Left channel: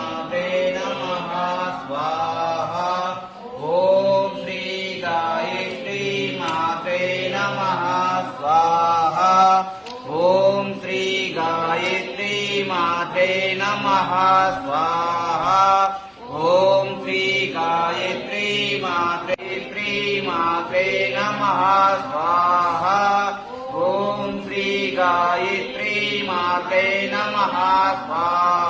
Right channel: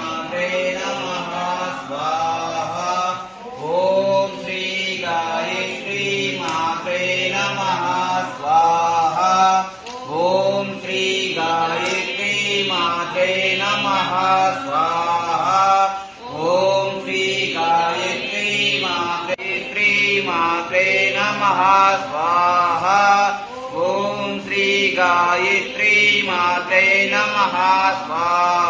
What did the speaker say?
मात्रे नमः स्वाहा। ओम श्री गायत्री मात्रे नमः स्वाहा। ओम श्री गायत्री मात्रे नमः स्वाहा। ओम श्री गायत्री मात्रे नमः स्वाहा। ओम श्री गायत्री मात्रे नमः स्वाहा।